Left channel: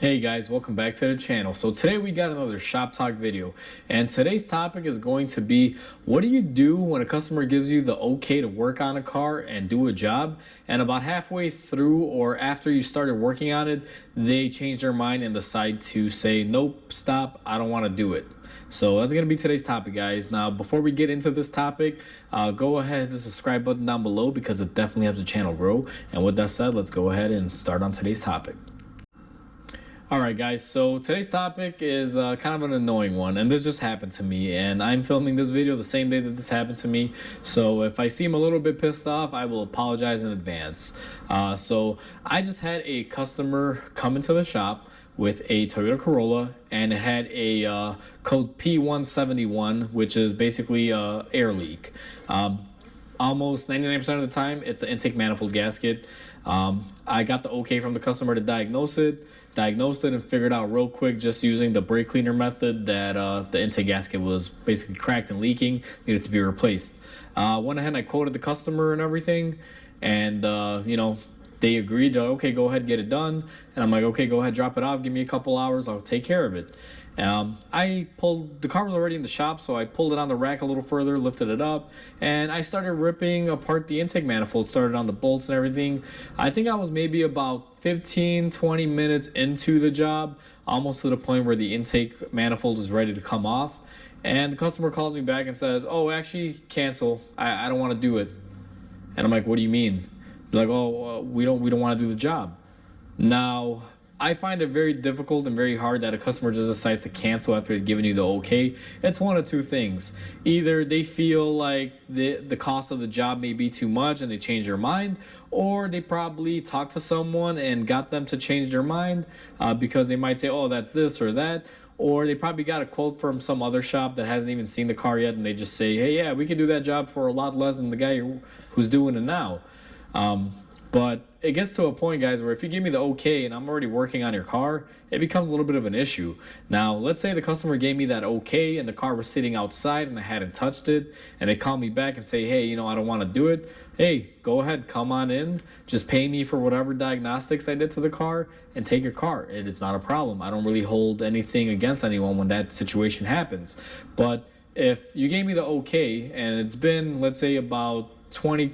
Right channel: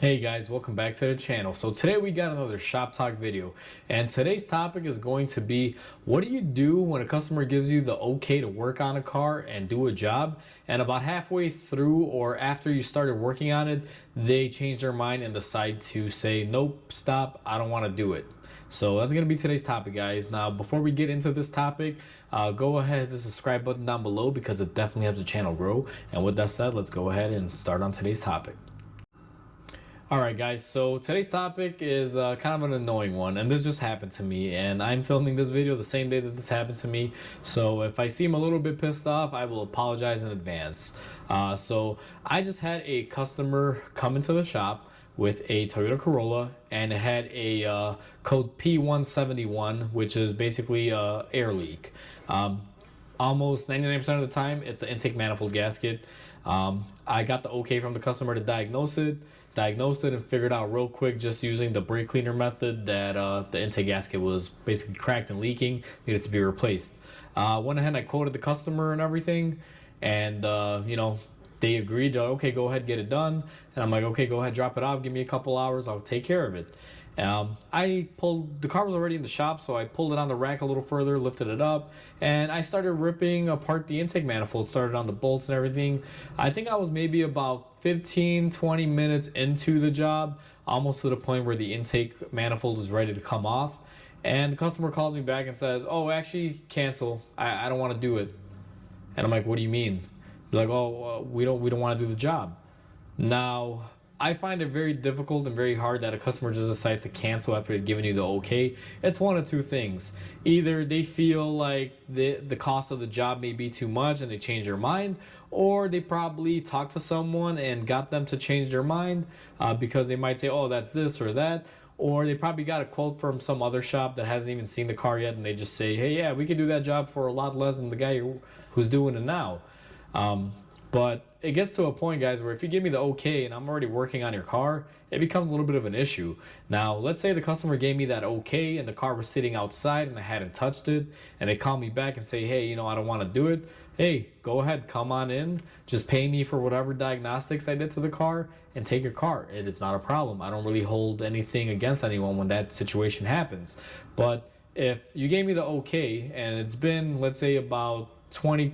Hey guys, welcome back to the channel. So today we got another shop talk video, and today's topic is going to be what do you do when a customer gives you the okay to work on a car and do a job, and about halfway through or after you started working on it, they change their mind and decide to say nope, stop, I don't want to do it. So that's going to be today's topic, guys. Now, before we get into this topic, go ahead and the subscribe button down below because it definitely helps the channel grow. And with that said, let's go ahead and start on today's topic. Alright guys, so today's topic is kind of an annoying one, and this just happened to me, and I'm filming this video the same day that this happened to me, so if I seem a little bit pissed off, I will apologize in advance. So I just had a customer come into the shop with a Toyota Corolla, and it had a code P171, which is basically air leak. Almost 99% of the time, it's the intake manifold gasket. I got the okay from the customer to diagnosed it and figured out real quick just using the brake cleaner method that the intake gasket was basically cracked and leaking, needed to be replaced. Went ahead and I quoted the customer and everything, and they agreed to, okay, go ahead, get it done. And I'm like, okay, go ahead, drop it off, give me a couple hours, I'll take care of it. The car was already in the shop, so I pulled it on the rack a little further, lifted it up, and I started ripping apart the intake manifold, started on the bolts and everything. I think I was maybe about 15-20 minutes into the job, almost to the point where the intake manifold was ready to come off. And the customer calls me back and says, oh, actually, cancel. I don't want to do it. And I'm like, what do you mean? They're like, oh, we don't want to do the job. Now, I find it very difficult and very hard that a customer just decides to cancel after they've given you the okay. It's one of two things. Either they feel like the cost of the job may be too much and they change their mind, or they probably talked to someone and got them to change their mind because they might say, oh, that's this or that. Or they probably got a quote from some other shop that hasn't even seen the car yet, and they just say, hey, yeah, we can do that job for a lot less than the guy who's doing it now. But it gets to a point, guys, where if you give me the okay and I'm already working on your car, it becomes a little bit of an issue. Now, let's say the customer gave me that okay and the car was sitting outside and I hadn't touched it, and they call me back and say, hey, I don't want to do it. Hey, go ahead, come on in. Just pay me for whatever diagnostics I did to the car and take your car. It is not a problem. I don't really hold anything against anyone when that situation happens. But if you gave me the okay and it's been, let's say, about 20-30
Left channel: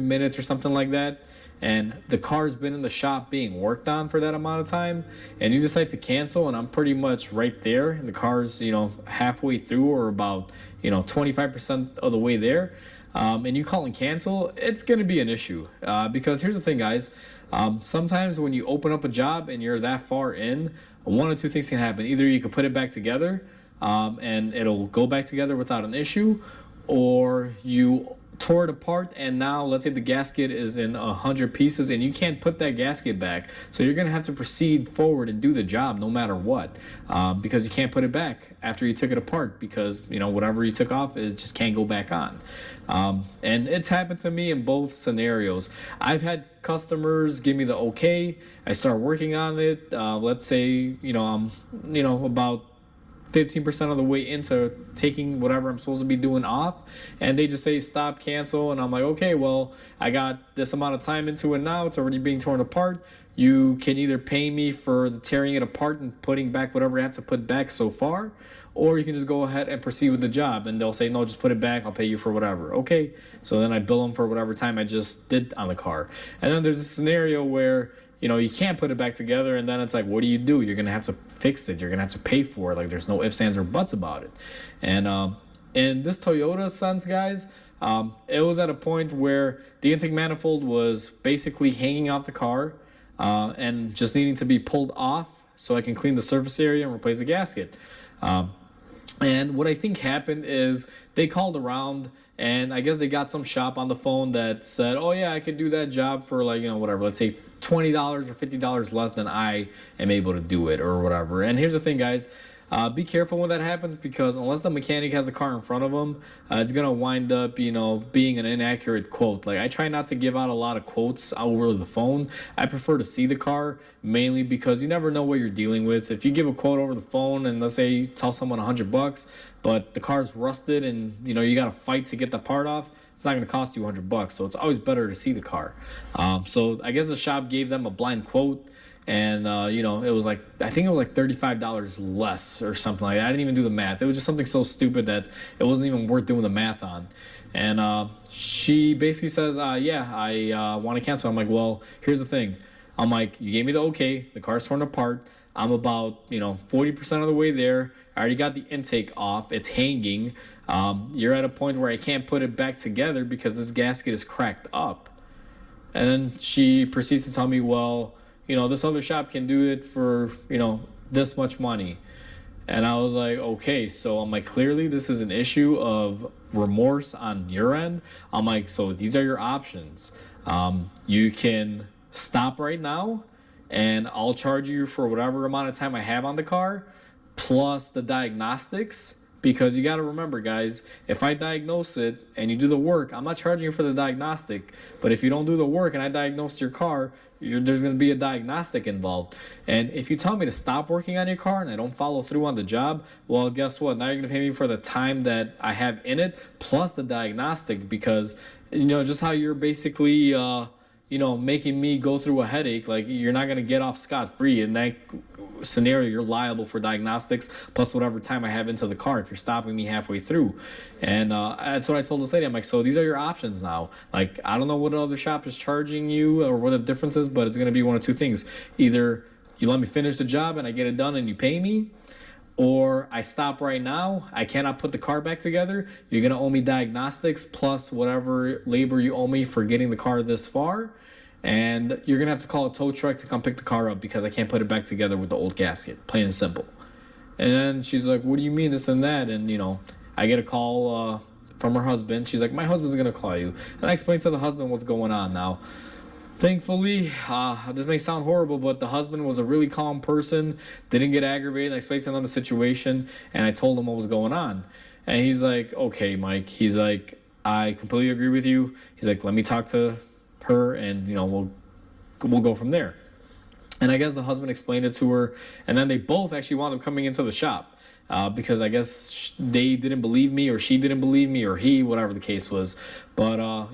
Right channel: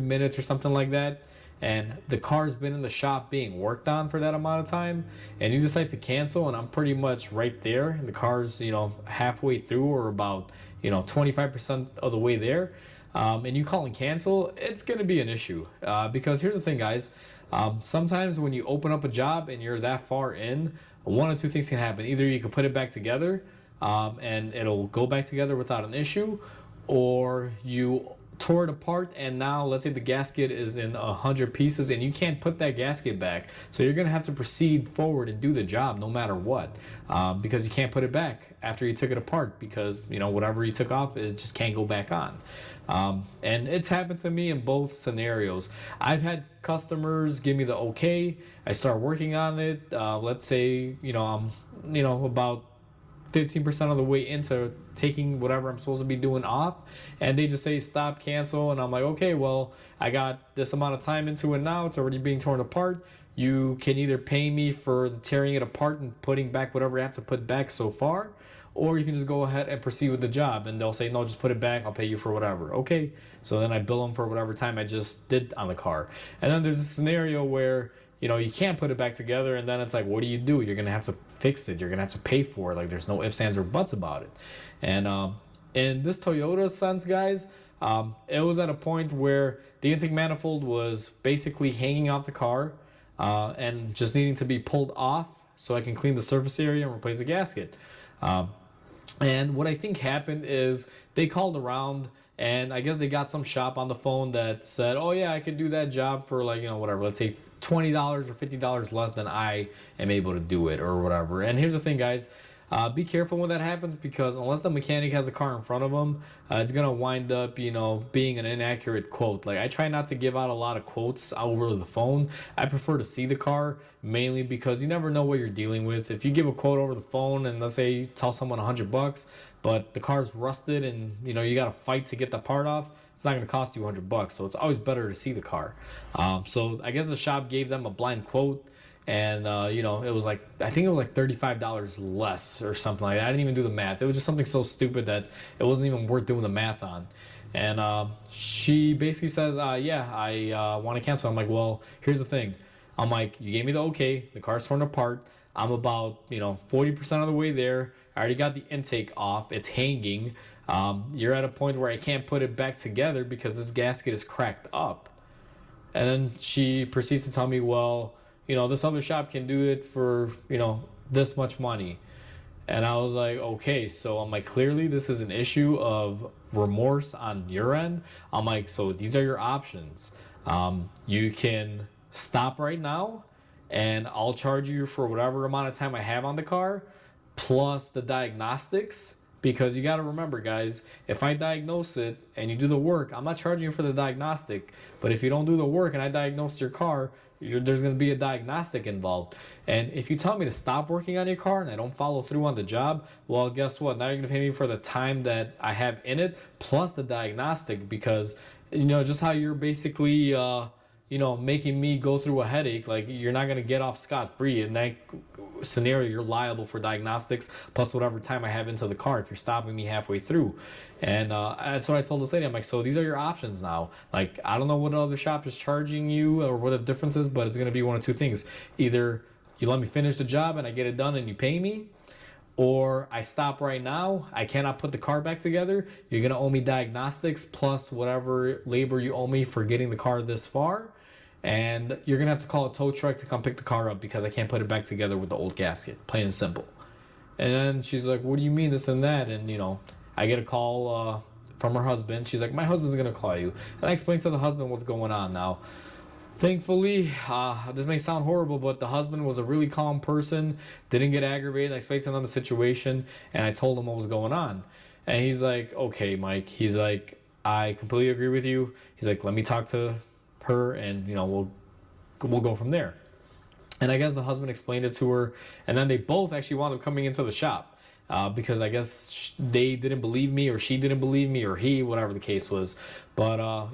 minutes or something like that, and the car's been in the shop being worked on for that amount of time, and you decide to cancel, and I'm pretty much right there, and the car's halfway through or about 25% of the way there, and you call and cancel, it's going to be an issue because here's the thing, guys. Sometimes when you open up a job and you're that far in, one of two things can happen. Either you can put it back together and it'll go back together without an issue, or you tore it apart and now let's say the gasket is in 100 pieces and you can't put that gasket back, so you're gonna have to proceed forward and do the job no matter what, because you can't put it back after you took it apart because whatever you took off is just can't go back on. And it's happened to me in both scenarios. I've had customers give me the okay, I start working on it, let's say I'm about 15% of the way into taking whatever I'm supposed to be doing off, and they just say stop, cancel, and I'm like, okay, well, I got this amount of time into it now, it's already being torn apart. You can either pay me for the tearing it apart and putting back whatever I have to put back so far, or you can just go ahead and proceed with the job. And they'll say, no, just put it back, I'll pay you for whatever. Okay, so then I bill them for whatever time I just did on the car. And then there's a scenario where you can't put it back together, and then it's like, what do? You're gonna have to fix it. You're gonna have to pay for it. Like, there's no ifs, ands, or buts about it. And in this Toyota sense, guys, it was at a point where the intake manifold was basically hanging off the car and just needing to be pulled off so I can clean the surface area and replace the gasket. And what I think happened is they called around, and I guess they got some shop on the phone that said, oh yeah, I could do that job for like whatever, let's say $20 or $50 less than I am able to do it or whatever. And here's the thing, guys. Be careful when that happens, because unless the mechanic has the car in front of him, it's gonna wind up, being an inaccurate quote. Like, I try not to give out a lot of quotes over the phone. I prefer to see the car, mainly because you never know what you're dealing with. If you give a quote over the phone and let's say you tell someone $100, but the car's rusted and you got to fight to get the part off, it's not going to cost you $100. So it's always better to see the car. So I guess the shop gave them a blind quote, and it was like, I think it was like $35 less or something like that. I didn't even do the math. It was just something so stupid that it wasn't even worth doing the math on. And she basically says, yeah, I want to cancel. I'm like, well, here's the thing. I'm like, you gave me the okay. The car's torn apart. I'm about 40% of the way there. I already got the intake off. It's hanging. You're at a point where I can't put it back together because this gasket is cracked up. And then she proceeds to tell me, well, this other shop can do it for, this much money. And I was like, okay, so I'm like, clearly this is an issue of remorse on your end. I'm like, so these are your options. You can stop right now, and I'll charge you for whatever amount of time I have on the car, plus the diagnostics. Because you got to remember, guys, if I diagnose it and you do the work, I'm not charging you for the diagnostic. But if you don't do the work and I diagnose your car, there's going to be a diagnostic involved. And if you tell me to stop working on your car and I don't follow through on the job, well, guess what? Now you're going to pay me for the time that I have in it, plus the diagnostic. Because, just how you're basically making me go through a headache, like you're not going to get off scot-free. In that scenario, you're liable for diagnostics plus whatever time I have into the car if you're stopping me halfway through. And that's what I told this lady. I'm like, so these are your options now. Like, I don't know what other shop is charging you or what the difference is, but it's going to be one of two things. Either you let me finish the job and I get it done and you pay me, or I stop right now, I cannot put the car back together, you're going to owe me diagnostics plus whatever labor you owe me for getting the car this far, and you're going to have to call a tow truck to come pick the car up because I can't put it back together with the old gasket, plain and simple. And then she's like, what do you mean this and that? And I get a call from her husband. She's like, my husband's going to call you. And I explained to the husband what's going on now. Thankfully, this may sound horrible, but the husband was a really calm person, didn't get aggravated. I explained to them the situation, and I told him what was going on. And he's like, okay, Mike. He's like, I completely agree with you. He's like, let me talk to her, and we'll go from there. And I guess the husband explained it to her, and then they both actually wound up coming into the shop. Because I guess they didn't believe me, or she didn't believe me, or he, whatever the case was. But,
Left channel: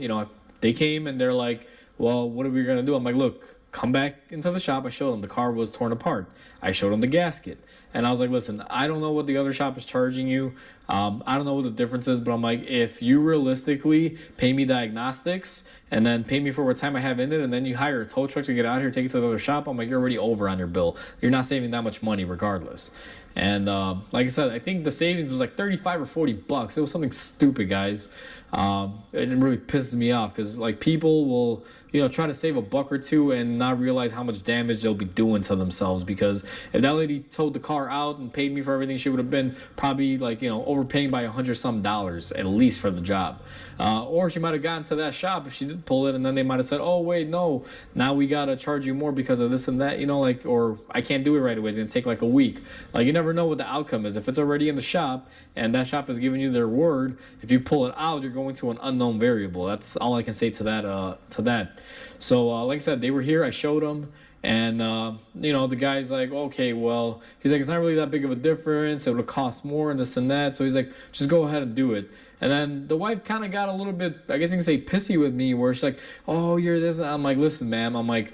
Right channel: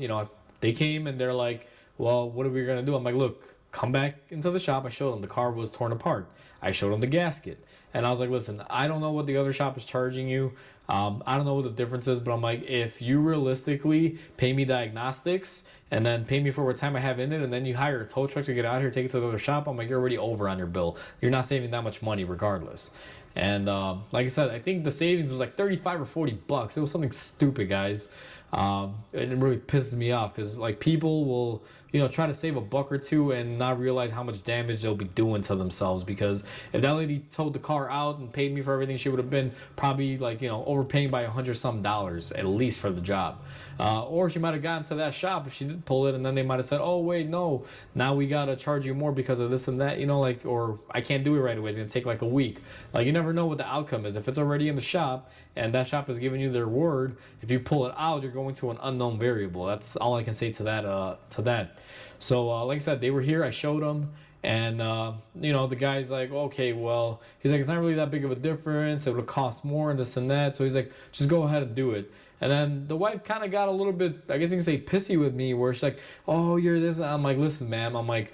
they came and they're like, well, what are we going to do? I'm like, look, come back into the shop. I showed them the car was torn apart. I showed them the gasket. And I was like, listen, I don't know what the other shop is charging you. I don't know what the difference is, but I'm like, if you realistically pay me diagnostics and then pay me for what time I have in it, and then you hire a tow truck to get out here, take it to the other shop, I'm like, you're already over on your bill. You're not saving that much money regardless. And like I said, I think the savings was like 35 or 40 bucks. It was something stupid, guys. It really pisses me off because like people will try to save a buck or two and not realize how much damage they'll be doing to themselves. Because if that lady towed the car out and paid me for everything, she would have been probably like overpaying by $100 at least for the job. Or she might have gotten to that shop if she did pull it, and then they might have said, oh wait, no, now we gotta charge you more because of this and that, or I can't do it right away, it's gonna take like a week. Like, you never know what the outcome is. If it's already in the shop and that shop is giving you their word, if you pull it out, you're going to an unknown variable. That's all I can say to that. So like I said, they were here, I showed them. And the guy's like, okay, well, he's like, it's not really that big of a difference, it would cost more and this and that. So he's like, just go ahead and do it. And then the wife kind of got a little bit, I guess you can say, pissy with me, where she's like, oh, you're this. I'm like, listen, ma'am, I'm like,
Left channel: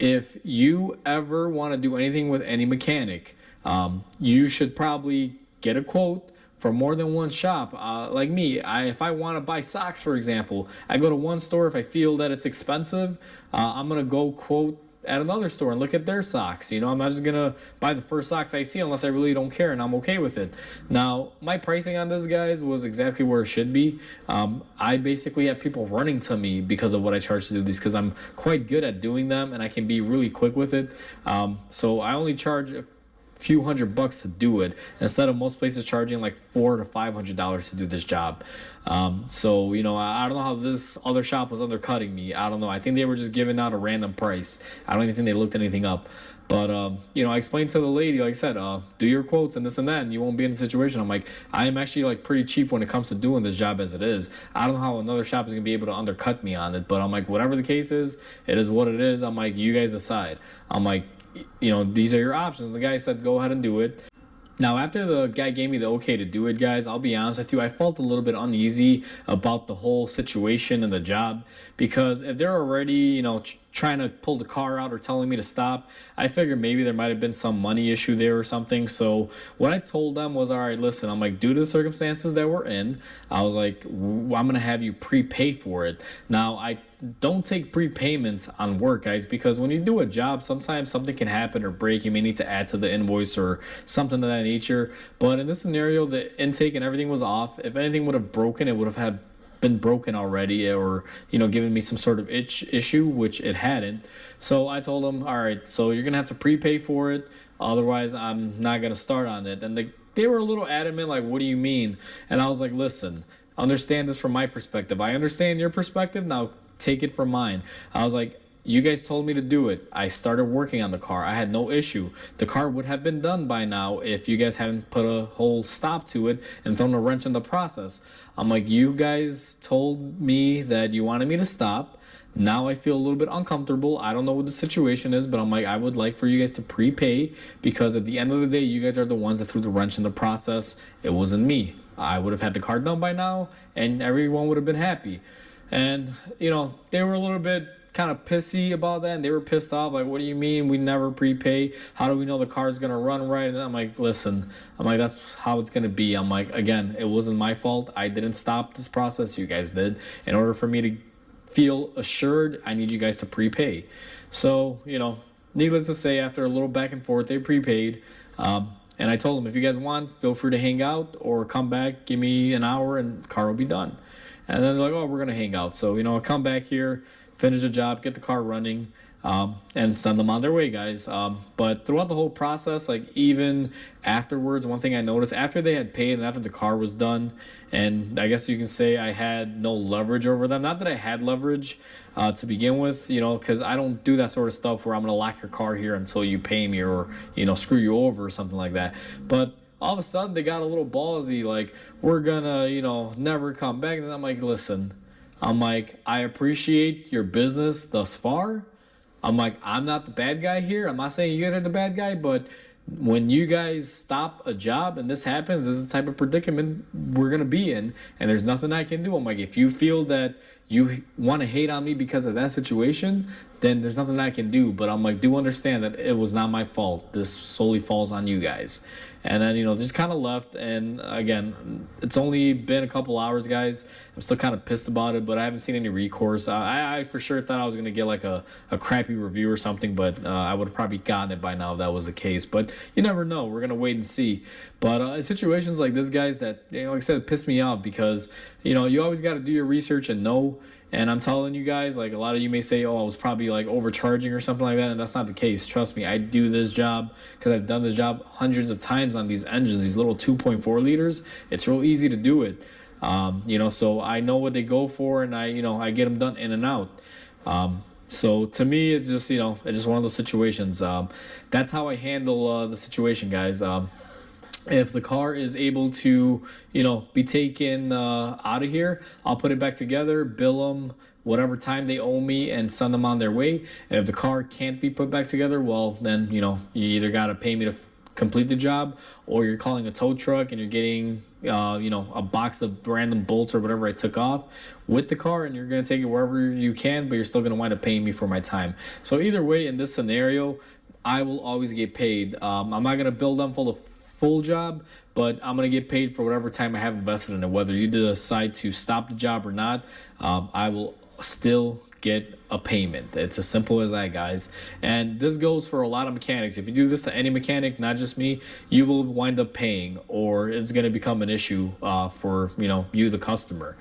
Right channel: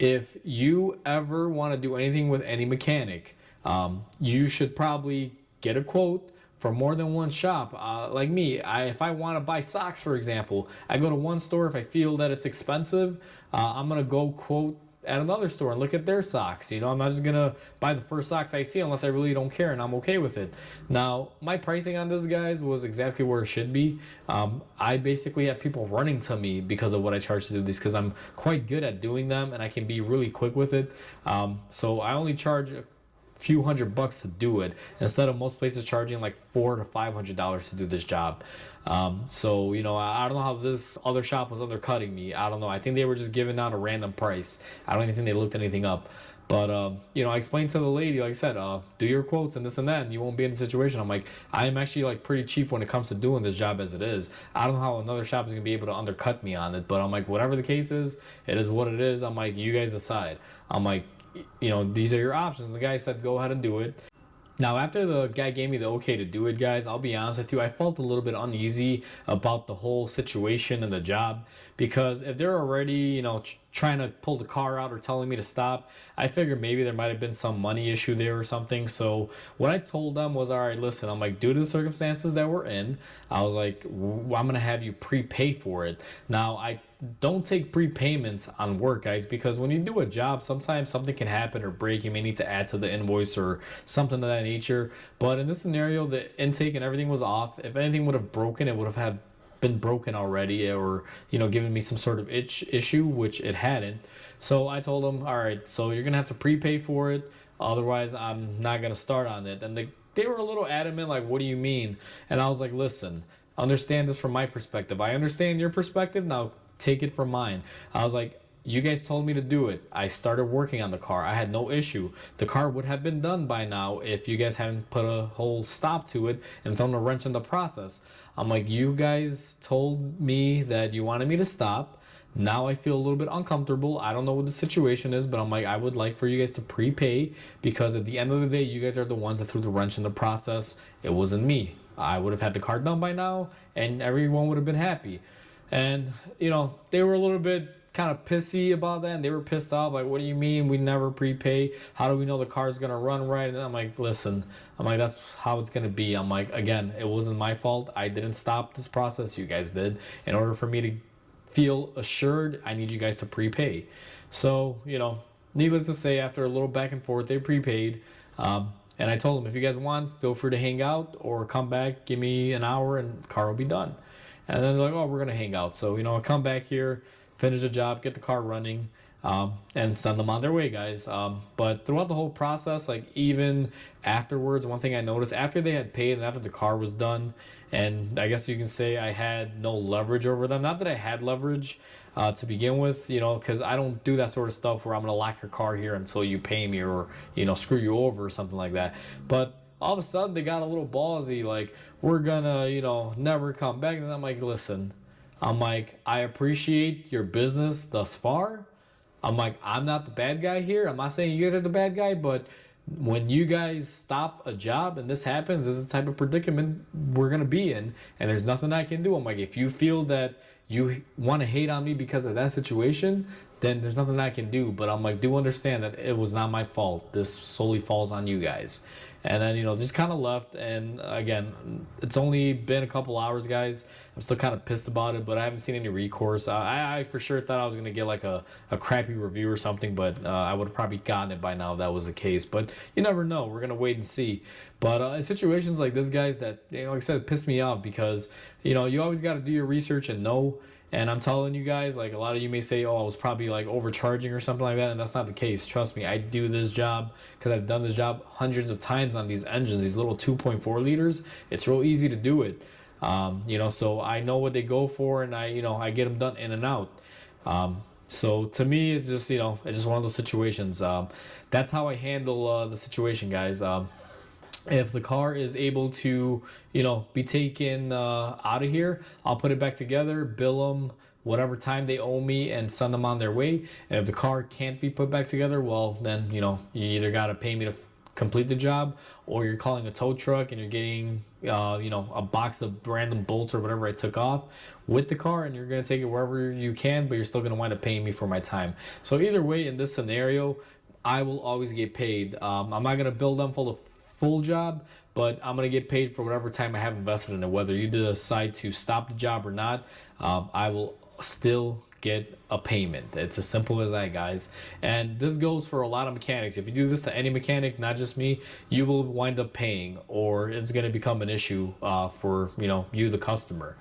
if you ever want to do anything with any mechanic, you should probably get a quote for more than one shop. Like me, if I want to buy socks, for example, I go to one store. If I feel that it's expensive, I'm going to go quote at another store and look at their socks. I'm not just gonna buy the first socks I see unless I really don't care and I'm okay with it. Now, my pricing on this, guys, was exactly where it should be. I basically have people running to me because of what I charge to do these, because I'm quite good at doing them and I can be really quick with it. So I only charge a few $100 to do it, instead of most places charging like $400 to $500 to do this job. So I don't know how this other shop was undercutting me. I don't know. I think they were just giving out a random price. I don't even think they looked anything up. But I explained to the lady, like I said, do your quotes and this and that, and you won't be in the situation. I'm like, I am actually like pretty cheap when it comes to doing this job as it is. I don't know how another shop is gonna be able to undercut me on it, but I'm like, whatever the case is, it is what it is. I'm like, you guys decide. I'm like, these are your options. And the guy said, go ahead and do it. Now, after the guy gave me the okay to do it, guys, I'll be honest with you, I felt a little bit uneasy about the whole situation and the job because if they're already, trying to pull the car out or telling me to stop, I figured maybe there might have been some money issue there or something. So what I told them was, all right, listen, I'm like, due to the circumstances that we're in, I was like, I'm gonna have you prepay for it. Now, I don't take prepayments on work, guys, because when you do a job, sometimes something can happen or break. You may need to add to the invoice or something of that nature. But in this scenario, the intake and everything was off. If anything would have broken, it would have had been broken already, or given me some sort of issue, which it hadn't. So I told them, all right, so you're gonna have to prepay for it, otherwise I'm not gonna start on it. And they were a little adamant, like, what do you mean? And I was like, listen, understand this from my perspective. I understand your perspective, now take it from mine. I was like, you guys told me to do it. I started working on the car. I had no issue. The car would have been done by now if you guys hadn't put a whole stop to it and thrown a wrench in the process. I'm like, you guys told me that you wanted me to stop. Now I feel a little bit uncomfortable. I don't know what the situation is, but I'm like, I would like for you guys to prepay because at the end of the day, you guys are the ones that threw the wrench in the process. It wasn't me. I would have had the car done by now and everyone would have been happy. And, they were a little bit kind of pissy about that, and they were pissed off, like, what do you mean we never prepay? How do we know the car's gonna run right? And I'm like, listen, that's how it's gonna be. I'm like, again, it wasn't my fault. I didn't stop this process, you guys did. In order for me to feel assured, I need you guys to prepay. So, needless to say, after a little back and forth, they prepaid. And I told them, if you guys want, feel free to hang out or come back, give me an hour and the car will be done. And then they're like, oh, we're gonna hang out. So, I come back here, finish the job, get the car running, and send them on their way, guys. But throughout the whole process, like even afterwards, one thing I noticed after they had paid and after the car was done, and I guess you can say I had no leverage over them. Not that I had leverage to begin with, because I don't do that sort of stuff where I'm gonna lock your car here until you pay me or screw you over or something like that. But all of a sudden they got a little ballsy, like, we're gonna never come back. And I'm like, listen, I appreciate your business thus far. I'm not the bad guy here. I'm not saying you guys are the bad guy, but when you guys stop a job and this happens, this is the type of predicament we're gonna be in, and there's nothing I can do. I'm like, if you feel that you want to hate on me because of that situation, then there's nothing I can do. But I'm like, do understand that it was not my fault. This solely falls on you guys. And then just kind of left. And again, it's only been a couple hours, guys. I'm still kind of pissed about it, but I haven't seen any recourse. I for sure thought I was gonna get like a crappy review or something, but I would have probably gotten it by now if that was the case. But you never know. We're gonna wait and see. But situations like this, guys, that like I said, piss me off because you always got to do your research and know. And I'm telling you guys, like, a lot of you may say, oh, I was probably like overcharging or something like that, and that's not the case. Trust me, I do this job because I've done this job hundreds of times on these engines, these little 2.4 liters. It's real easy to do it. So I know what they go for, and I get them done in and out. So to me, it's just it's just one of those situations. That's how I handle the situation, guys. If the car is able to be taken out of here, I'll put it back together, bill them whatever time they owe me, and send them on their way. And if the car can't be put back together, well, then you either got to pay me to complete the job, or you're calling a tow truck and you're getting a box of random bolts or whatever I took off with the car, and you're going to take it wherever you can, but you're still going to wind up paying me for my time. So either way, in this scenario, I will always get paid. I'm not going to bill them for the full job, but I'm going to get paid for whatever time I have invested in it. Whether you decide to stop the job or not, I will still get a payment. It's as simple as that, guys. And this goes for a lot of mechanics. If you do this to any mechanic, not just me, you will wind up paying, or it's going to become an issue for you, the customer,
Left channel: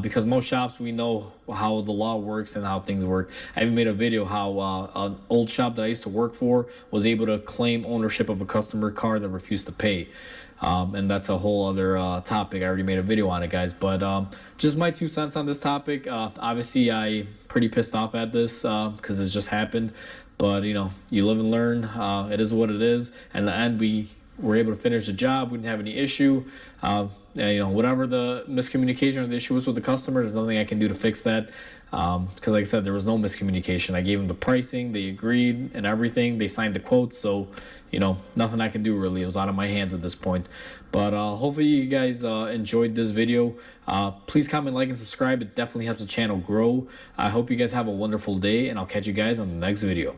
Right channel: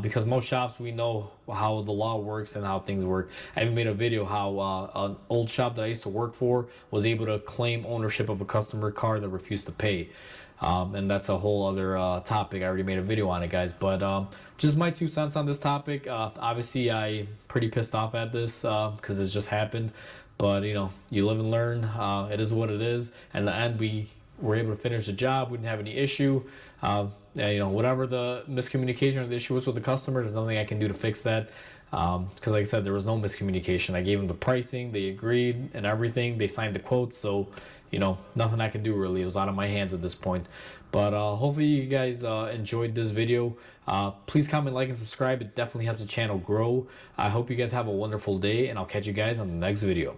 because most shops, we know how the law works and how things work. I even made a video how an old shop that I used to work for was able to claim ownership of a customer car that refused to pay. And that's a whole other topic. I already made a video on it, guys. But just my 2 cents on this topic. Obviously, I pretty pissed off at this because this just happened. But you live and learn. It is what it is. And in the end, we were able to finish the job. We didn't have any issue. Whatever the miscommunication or the issue was with the customer, there's nothing I can do to fix that. because like I said, there was no miscommunication. I gave them the pricing, they agreed and everything, they signed the quotes, so nothing I can do really. It was out of my hands at this point. But hopefully you guys enjoyed this video. Please comment, like, and subscribe. It definitely helps the channel grow. I hope you guys have a wonderful day, and I'll catch you guys on the next video.